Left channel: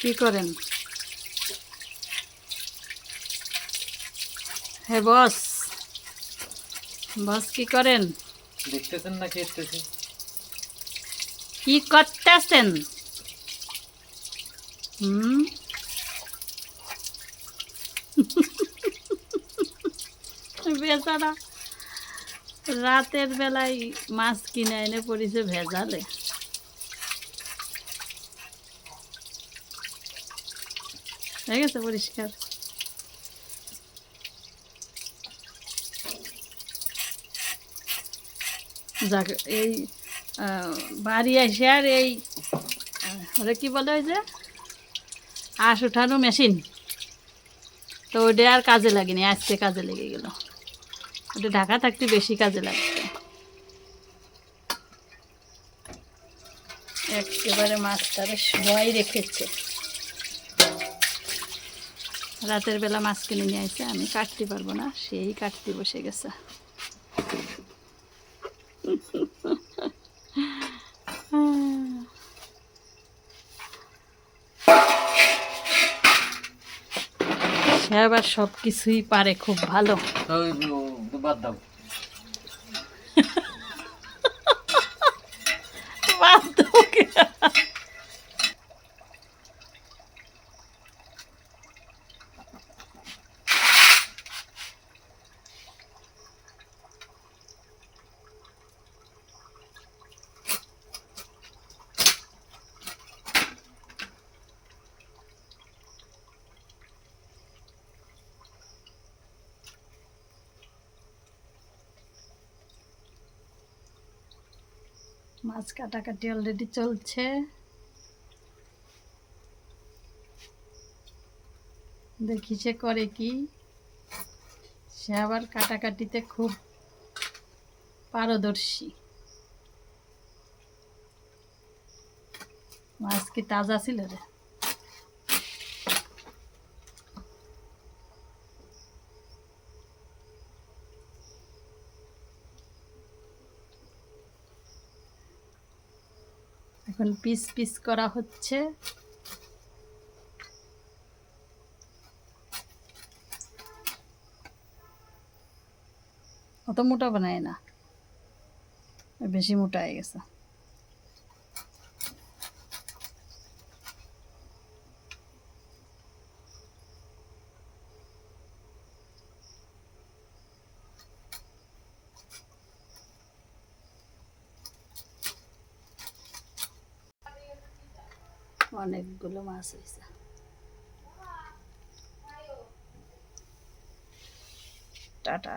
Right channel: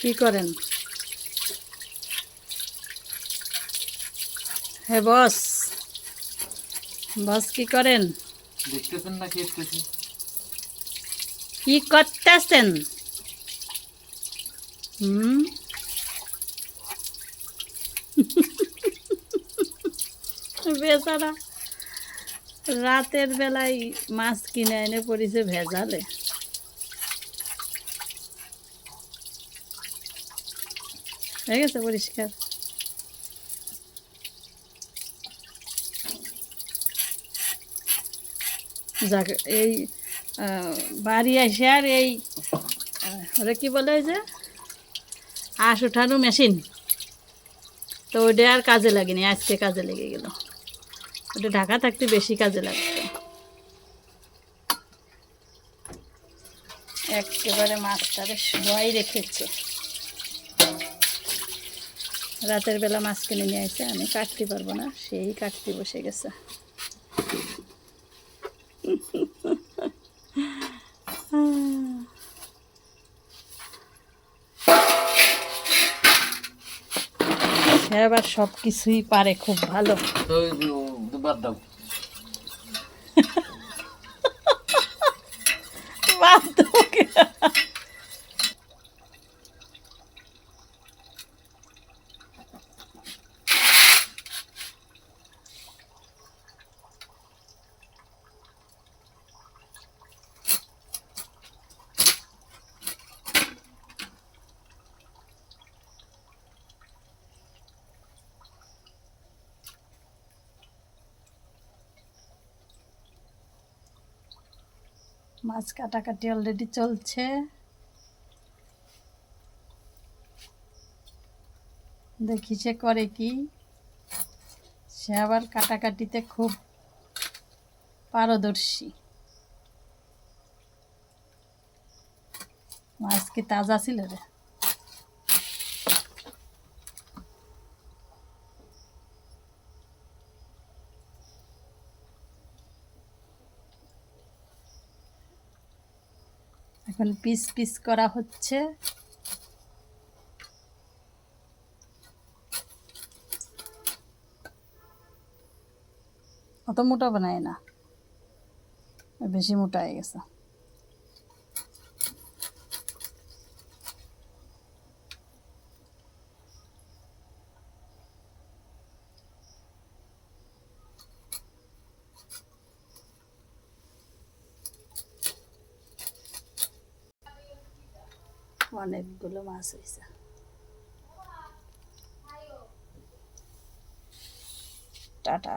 কি করেন? হ্যাঁ বস বস কি করেন? দেখতেছেন না খেতেছি কি করতেছেন? হুম? বেচারা রাতের বেলায় মাছ কিনে এনে পড়েছে ভেজালে। হয়ে গেছে পরিষ্কার যাক এই বাড়ি এসে আর এই ওরা কি বলে যে? আঁশ উঠানো মেশিন। তো ওটা আর কাজে লাগেনি, আজকে কাজে লেগে গেল। ওটা ঢাকা থাকতে বেশি কাজে লাগবে। একেবারে মাছটারে শোয়াই রেখেছে। রাতের বেলা মাছ কিনে নিয়ে আসে আমি কাটতে পারব না সেই কাটতে বসে গেছে। সে আবার সব কিছুই পারে খুব ভালো। বাদ দাও। মাছ কাটাকাটি অলরেডি চলছে। দেখি সে করে কি। সে আবার কাটাকাটিতে খুব পারদর্শী। মাছ কি তাজা ছিল রে? এখন পিস পিস করা হচ্ছে। অত মোটা বানায় না। বেশি মোটা হয়ে গেছে। অনেকগুলো মাছ হয়েছে টাটা।